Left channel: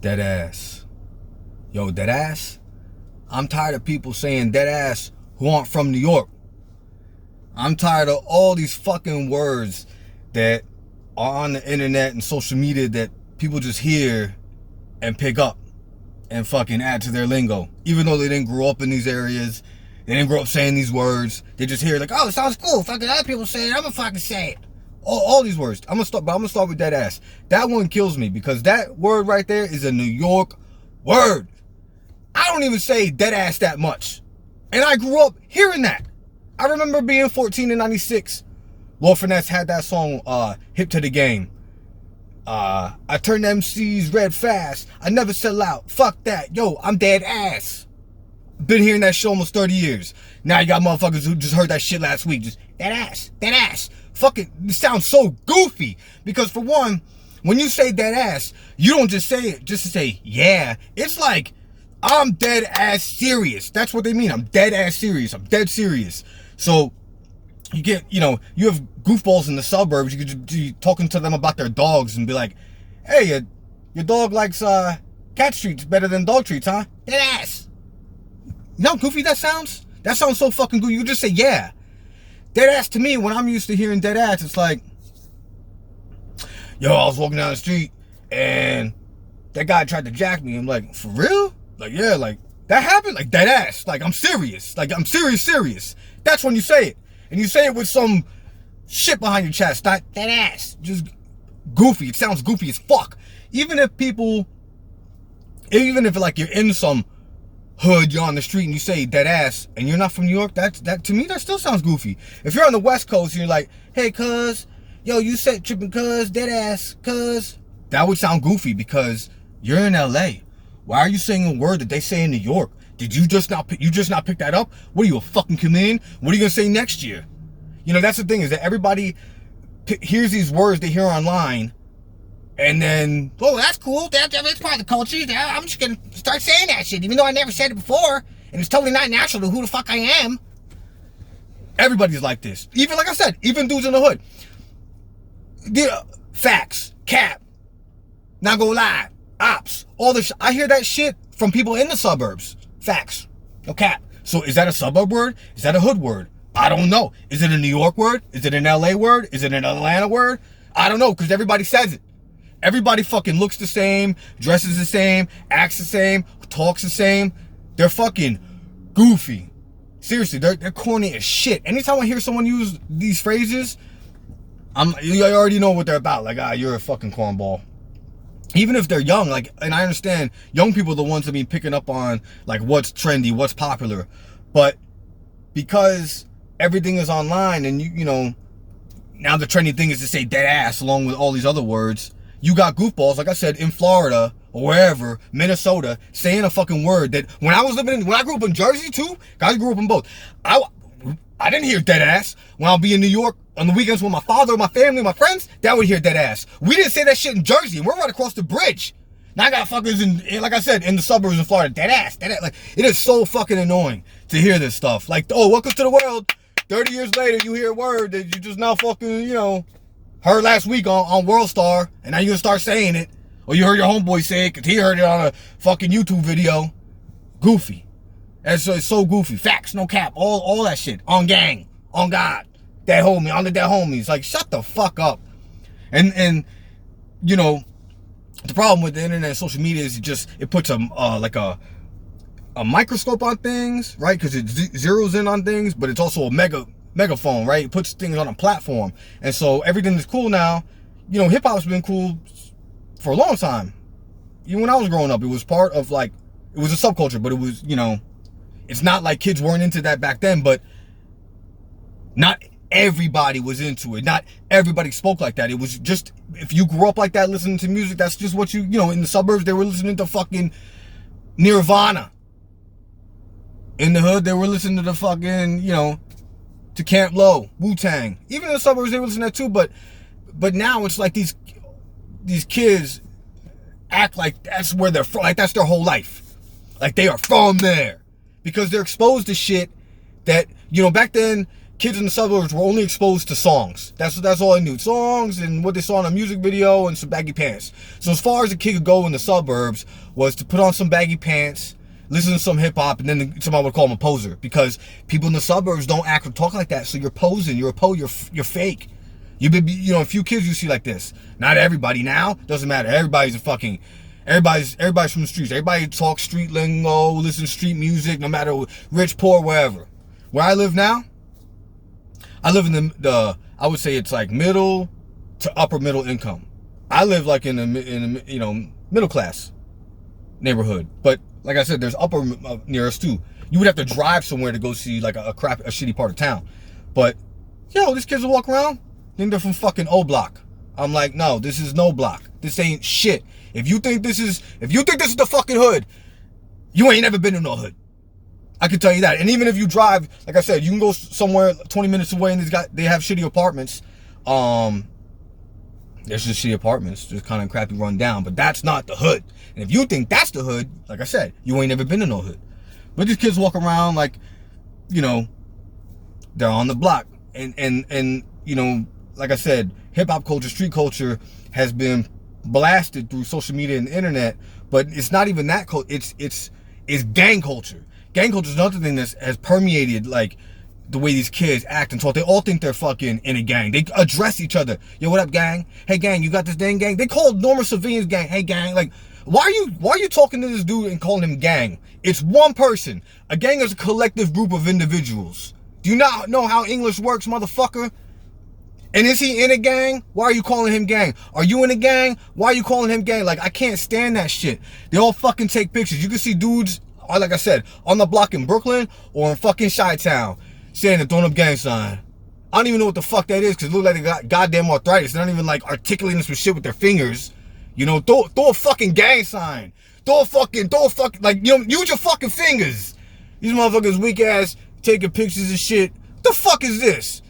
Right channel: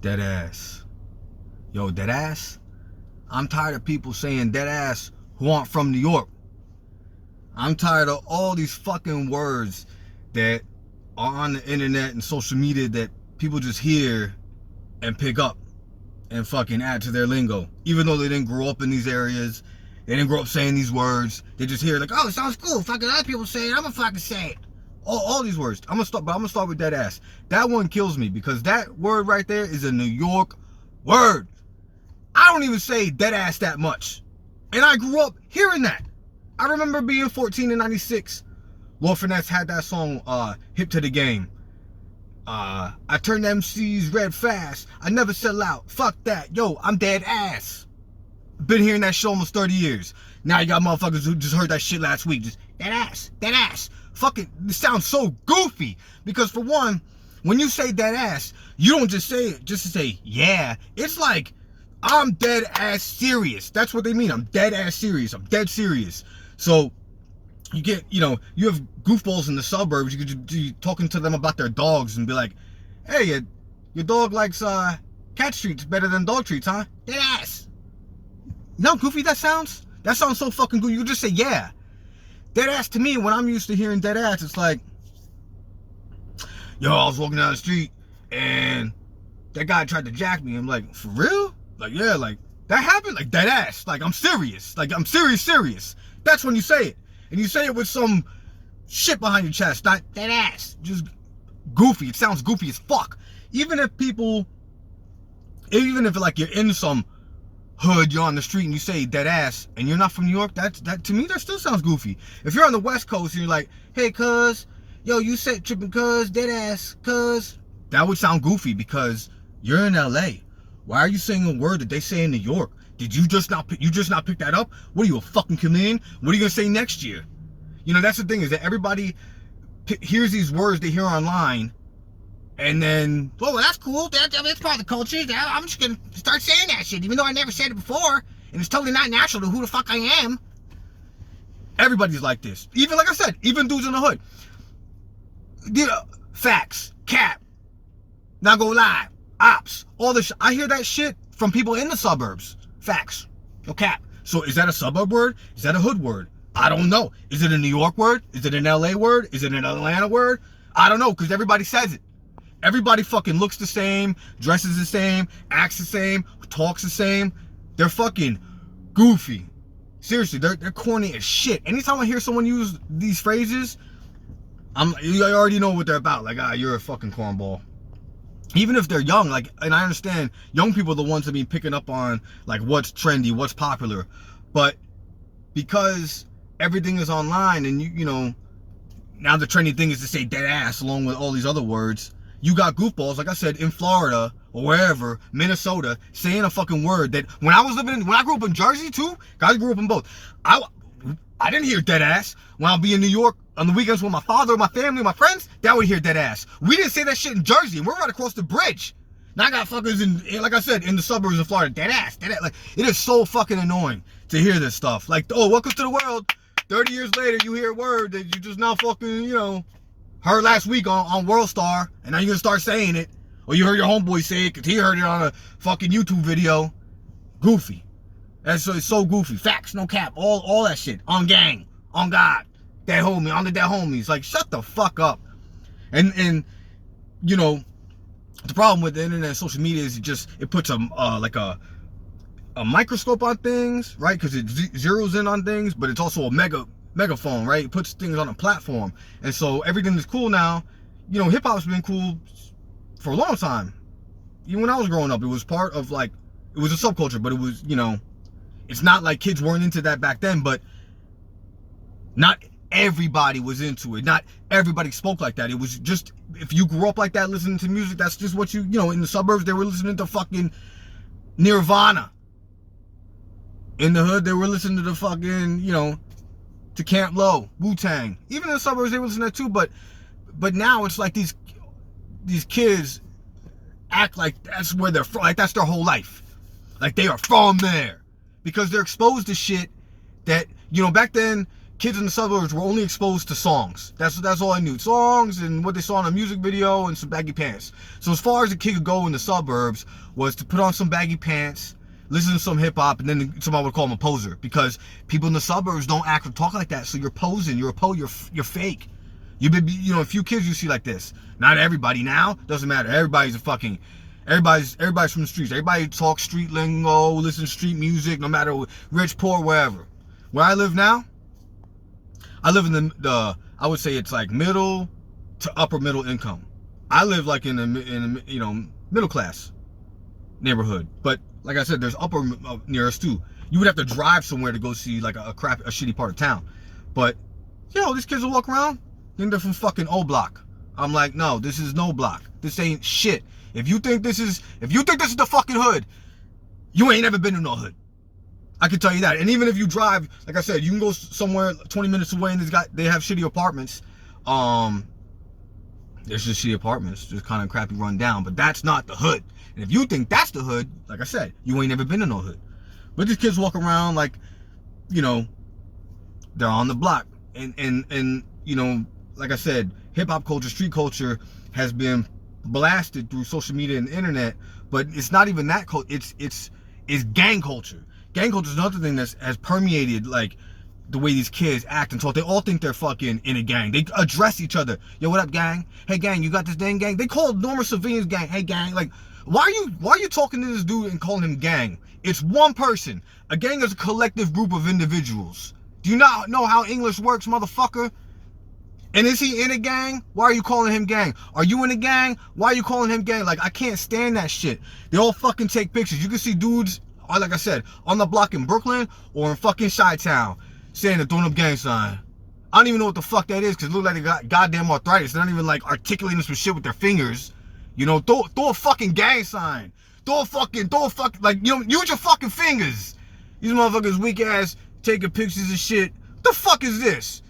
Deadass. Yo, Deadass. I'm tired of people saying Deadass who aren't from New York. I'm tired of all these fucking words that are on the internet and social media that people just hear and pick up and fucking add to their lingo. Even though they didn't grow up in these areas, they didn't grow up saying these words. They just hear like, oh, it sounds cool. Fucking other people say it, I'm gonna fucking say it. All these words. I'm gonna start with Deadass. That one kills me because that word right there is a New York word. I don't even say Deadass that much. And I grew up hearing that. I remember being 14 in 96. Lord Finesse had that song, Hip to the Game. I turned MCs red fast. I never sell out. Fuck that. Yo, I'm dead ass. Been hearing that shit almost 30 years. Now you got motherfuckers who just heard that shit last week. Just, dead ass. Fucking, it sounds so goofy. Because for one, when you say dead ass, you don't just say it just to say, yeah. It's like, I'm dead ass serious. That's what they mean. I'm dead ass serious. I'm dead serious. So, you get, you have goofballs in the suburbs. You could be talking to them about their dogs and be like, hey, your dog likes cat treats better than dog treats, huh? Dead ass. You know how goofy that sounds? That sounds so fucking goofy. You just say, yeah. Dead ass to me, when I'm used to hearing dead ass, it's like, yo, I was walking down the street and that guy tried to jack me. I'm like, for real? Like, yeah, like, that happened? Like, dead ass. Like, I'm serious. Like, I'm serious. That's when you say it. And you say it with some shit behind your chest. Not dead ass. Just goofy. It sounds goofy as fuck. Even if like you're in some hood, you're on the street and you say dead ass and you're not from New York, that to me, that still sounds goofy. If you're on the West Coast and you're like, hey, cuz, yo, you said tripping cuz, dead ass, cuz, that would sound goofy because you're in LA. Why are you saying a word that they say in New York? Did you just not pick that up? What are you, a fucking chameleon? What are you gonna say next year? You know, that's the thing, is that everybody hears these words they hear online and then, oh, that's cool. That's part of the culture. I'm just gonna start saying that shit, even though I never said it before, and it's totally not natural to who the fuck I am. Everybody's like this. Even, like I said, even dudes in the hood. Facts, cap, not gonna lie, ops, all this. I hear that shit from people in the suburbs. Facts, no cap. So is that a suburb word? Is that a hood word? I don't know. Is it a New York word? Is it an LA word? Is it an Atlanta word? I don't know, because everybody says it. Everybody fucking looks the same, dresses the same, acts the same, talks the same. They're fucking goofy. Seriously, they're corny as shit. Anytime I hear someone use these phrases, you already know what they're about. Like, you're a fucking cornball. Even if they're young, like, and I understand young people are the ones that be picking up on like what's trendy, what's popular. But because everything is online and you know, now the trendy thing is to say dead ass along with all these other words. You got goofballs, like I said, in Florida or wherever, Minnesota, saying a fucking word that when I grew up in Jersey too, I grew up in both. I didn't hear dead ass. When I'll be in New York on the weekends with my father, my family, my friends, that would hear dead ass. We didn't say that shit in Jersey, and we're right across the bridge. Now I got fuckers in, like I said, in the suburbs in Florida, dead ass. Like, it is so fucking annoying to hear this stuff. Like, oh, welcome to the world. 30 years later, you hear a word that you just now fucking, heard last week on World Star, and now you're gonna start saying it. Or you heard your homeboy say it because he heard it on a fucking YouTube video. Goofy. And so it's so goofy. Facts, no cap, all that shit. On gang, on God, that homie, on the dead homies. Like, shut the fuck up. And the problem with the internet and social media is it puts a microscope on things, right? Because it zeroes in on things, but it's also a megaphone, right? It puts things on a platform. And so everything is cool now. Hip hop's been cool for a long time. Even when I was growing up, it was part of, like, it was a subculture, but it was, it's not like kids weren't into that back then, but not everybody was into it. Not everybody spoke like that. It was just, if you grew up like that listening to music, that's just what in the suburbs, they were listening to fucking Nirvana. In the hood, they were listening to the fucking, to Camp Low, Wu-Tang. Even in the suburbs, they were listening to that too, but now it's like these kids act like that's where they're from, like that's their whole life. Like they are from there. Because they're exposed to shit that, back then, kids in the suburbs were only exposed to songs. That's all I knew. Songs and what they saw in a music video and some baggy pants. So as far as a kid could go in the suburbs was to put on some baggy pants, listen to some hip hop, and then somebody would call him a poser because people in the suburbs don't act or talk like that. So you're posing, you're fake. A few kids you see like this. Not everybody now. Doesn't matter. Everybody's from the streets. Everybody talks street lingo, listen to street music, no matter rich, poor, wherever. Where I live now, I live in the I would say it's like middle to upper middle income. I live like in the middle class neighborhood. But like I said, there's upper near us too. You would have to drive somewhere to go see like a shitty part of town. But these kids will walk around, think they're from fucking O Block. I'm like, no, this is no block. This ain't shit. If you think this is the fucking hood, you ain't never been to no hood. I can tell you that. And even if you drive, like I said, you can go somewhere 20 minutes away and they have shitty apartments. There's just shitty apartments, just kind of crappy run down. But that's not the hood. And if you think that's the hood, like I said, you ain't never been to no hood. But these kids walk around like, they're on the block. And like I said, hip hop culture, street culture has been blasted through social media and the internet, but it's not even that culture. It's gang culture. Gang culture is another thing that has permeated like the way these kids act and talk. They all think they're fucking in a gang. They address each other. Yo, what up, gang? Hey, gang, you got this dang gang? They call normal civilians gang. Hey, gang. Like, why are you talking to this dude and calling him gang? It's one person. A gang is a collective group of individuals. Do you not know how English works, motherfucker? And is he in a gang? Why are you calling him gang? Are you in a gang? Why are you calling him gang? Like, I can't stand that shit. They all fucking take pictures. You can see dudes, like I said, on the block in Brooklyn or in fucking Chi-Town saying the throwing up gang sign. I don't even know what the fuck that is because it looks like they got goddamn arthritis. They're not even like articulating some shit with their fingers. Throw a fucking gang sign. Throw a fucking, like, use your fucking fingers. These motherfuckers weak ass taking pictures and shit. What the fuck is this?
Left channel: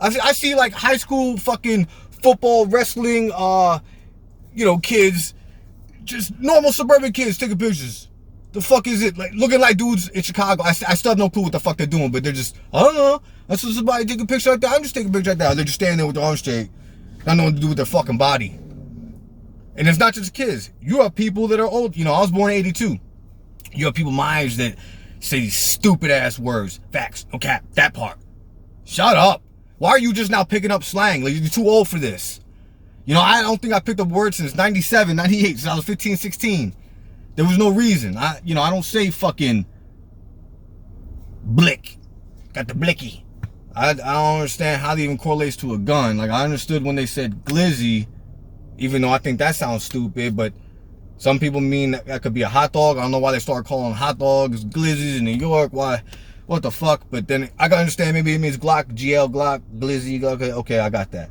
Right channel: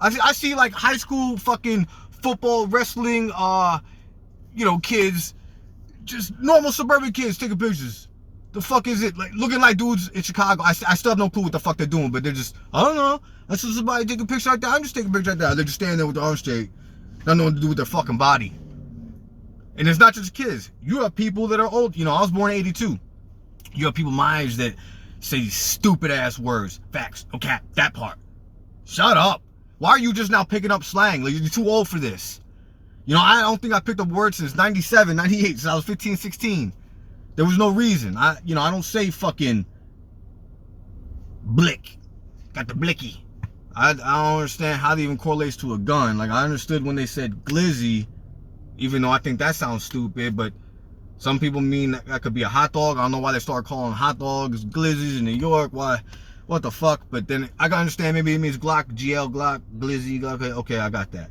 I see like high school fucking football, wrestling, kids, just normal suburban kids taking pictures. The fuck is it? Like looking like dudes in Chicago. I still have no clue what the fuck they're doing, but they're just, I don't know. I saw somebody take a picture like that. I'm just taking a picture like that. They're just standing there with their arms straight. Not knowing what to do with their fucking body. And it's not just kids. You have people that are old. I was born in 82. You have people my age that say these stupid ass words. Facts. No cap. That part. Shut up. Why are you just now picking up slang? Like, you're too old for this. I don't think I picked up words since 97, 98, since I was 15, 16. There was no reason. I don't say fucking blick. Got the blicky. I don't understand how that even correlates to a gun. Like, I understood when they said glizzy, even though I think that sounds stupid, but some people mean that could be a hot dog. I don't know why they started calling hot dogs glizzies in New York. Why? What the fuck? But then I can understand maybe it means Glock, GL, Glock, Glizzy. Okay, I got that.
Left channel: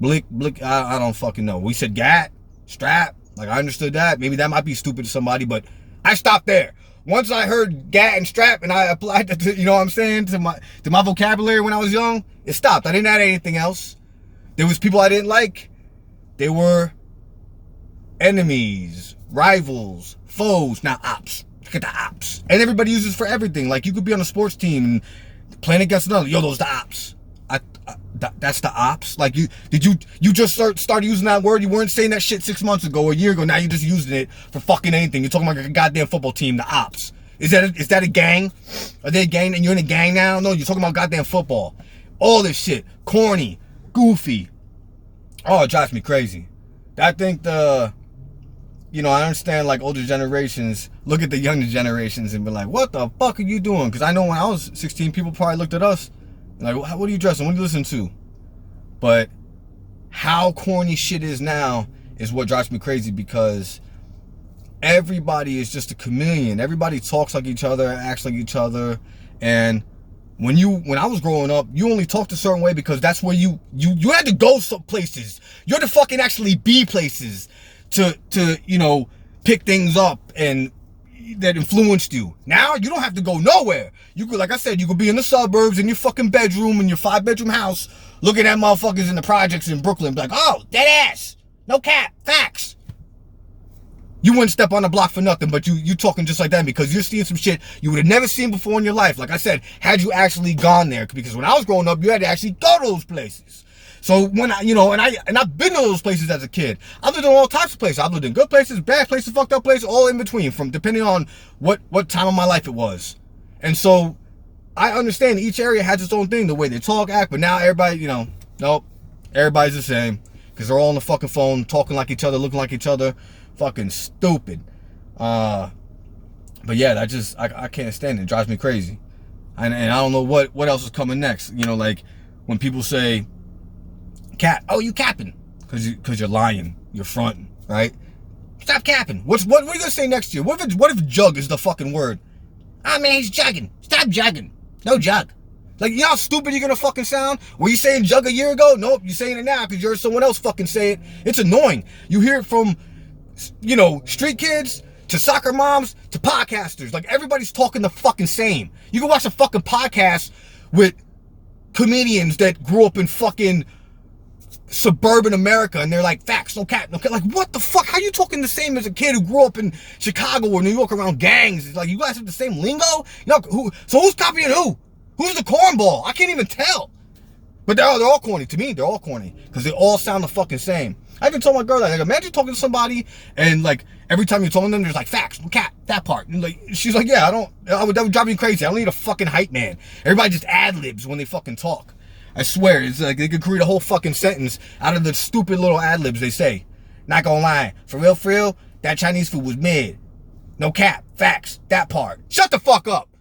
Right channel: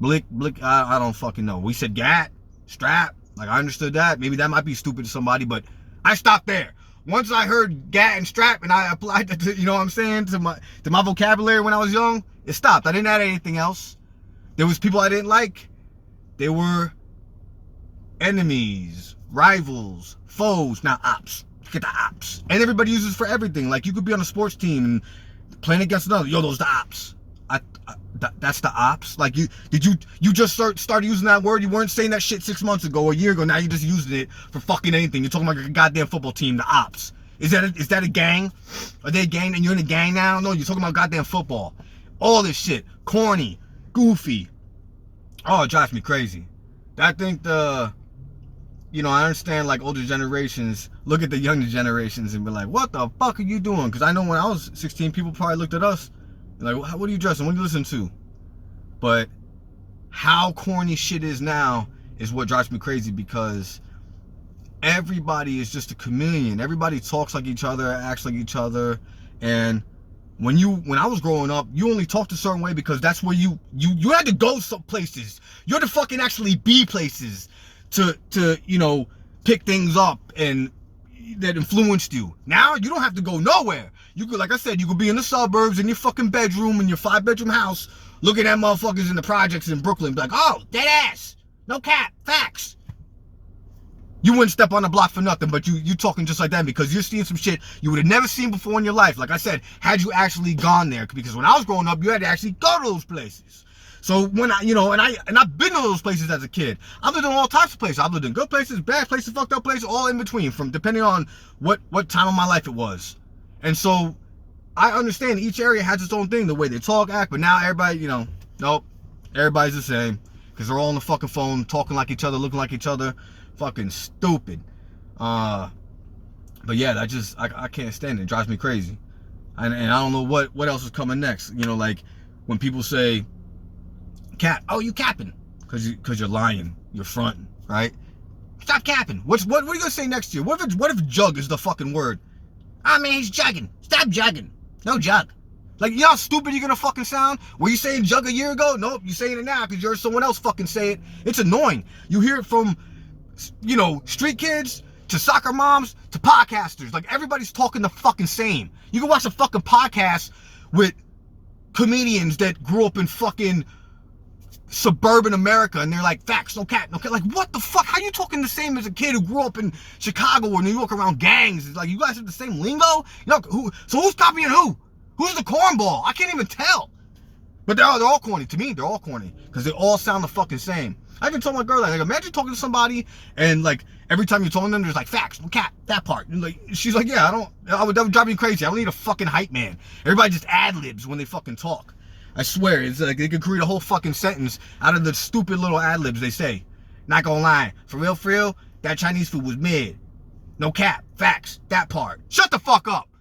Blick, I don't fucking know. We said gat, strap. Like, I understood that. Maybe that might be stupid to somebody, but I stopped there. Once I heard gat and strap and I applied that to, what I'm saying, to my vocabulary when I was young, it stopped. I didn't add anything else. There was people I didn't like. They were enemies, rivals, foes, now ops. Look at the ops. And everybody uses for everything. Like, you could be on a sports team playing against another. Yo, those the ops. That's the ops. Like, you just start using that word? You weren't saying that shit 6 months ago or a year ago. Now you're just using it for fucking anything. You're talking about a goddamn football team, the ops. Is that a gang? Are they a gang and you're in a gang now? No, you're talking about goddamn football. All this shit. Corny. Goofy. Oh, it drives me crazy. I think I understand like older generations look at the younger generations and be like, what the fuck are you doing? Because I know when I was 16, people probably looked at us like, what are you dressing? What do you listen to? But how corny shit is now is what drives me crazy because everybody is just a chameleon. Everybody talks like each other, acts like each other. And when I was growing up, you only talked a certain way because that's where you had to go some places. You had to fucking actually be places to pick things up and that influenced you. Now you don't have to go nowhere. You could, like I said, you could be in the suburbs in your fucking bedroom in your 5-bedroom house, looking at motherfuckers in the projects in Brooklyn, be like, oh, dead ass, no cap, facts. You wouldn't step on the block for nothing, but you talking just like that because you're seeing some shit you would have never seen before in your life. Like I said, had you actually gone there, because when I was growing up, you had to actually go to those places. So when I've been to those places as a kid. I've lived in all types of places. I've lived in good places, bad places, fucked up places, all in between, from depending on what time of my life it was. And so I understand each area has its own thing, the way they talk, act, but now everybody, nope, everybody's the same because they're all on the fucking phone, talking like each other, looking like each other, fucking stupid. But yeah, I can't stand it. It drives me crazy, and I don't know what else is coming next. Like when people say, "Cap, oh you capping," because you're lying, you're fronting, right? Stop capping. What are you gonna say next year? What if jug is the fucking word? Ah, man, he's jugging. Stop jugging. No jug. Like, you know how stupid you're gonna fucking sound? Were you saying jug a year ago? Nope, you're saying it now because you heard someone else fucking say it. It's annoying. You hear it from, street kids to soccer moms to podcasters. Like, everybody's talking the fucking same. You can watch a fucking podcast with comedians that grew up in fucking suburban America and they're like, facts, no cap, no cap. Like, what the fuck? How you talking the same as a kid who grew up in Chicago or New York around gangs? It's like, you guys have the same lingo? So who's copying who? Who's the cornball? I can't even tell. But they're all corny. To me, they're all corny because they all sound the fucking same. I can tell my girl that, like, imagine talking to somebody and like every time you're talking to them, there's like, facts, no cap, that part. And like, she's like, yeah, that would drive me crazy. I don't need a fucking hype man. Everybody just ad-libs when they fucking talk. I swear, it's like they could create a whole fucking sentence out of the stupid little ad-libs they say. Not gonna lie, for real, that Chinese food was mid. No cap, facts, that part. Shut the fuck up.